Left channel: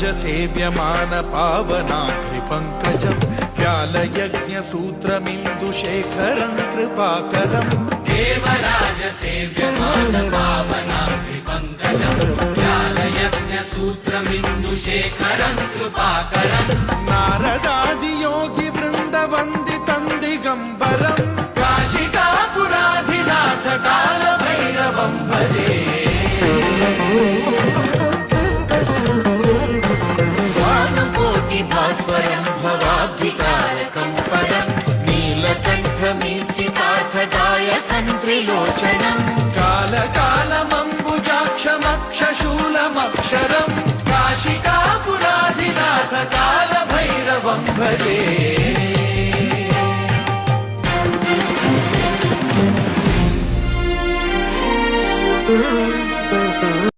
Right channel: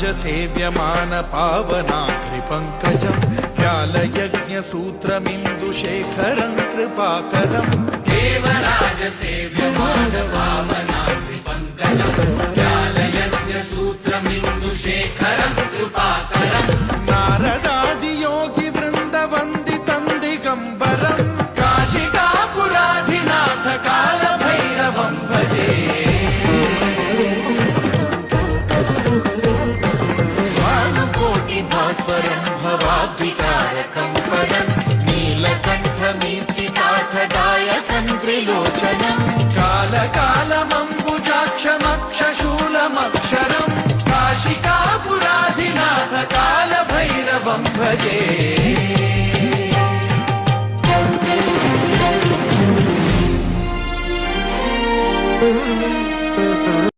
सेव्यमान पावनाग्रिपङ्कजम् व्यालयज्ञसूत्रमिन्दुशेखरं कृपाकरम् देवराज सेव्यमान पावनाग्रिपङ्कजम् व्यालयज्ञसूत्रमिन्दुशेखरं कृपाकरम् नारदादियोगिवृन्दवन्दितं दिगम्बरम् काशिकापुराधिनाथ कालभैरवं भजे भास्वरं भवाब्धिकारकं परं नीलकण्ठमीप्सितार्थदायकं त्रिलोचनं कालकालमम्बुजाक्षमक्षशूलमक्षरं काशिकापुराधिनाथ कालभैरवं भजे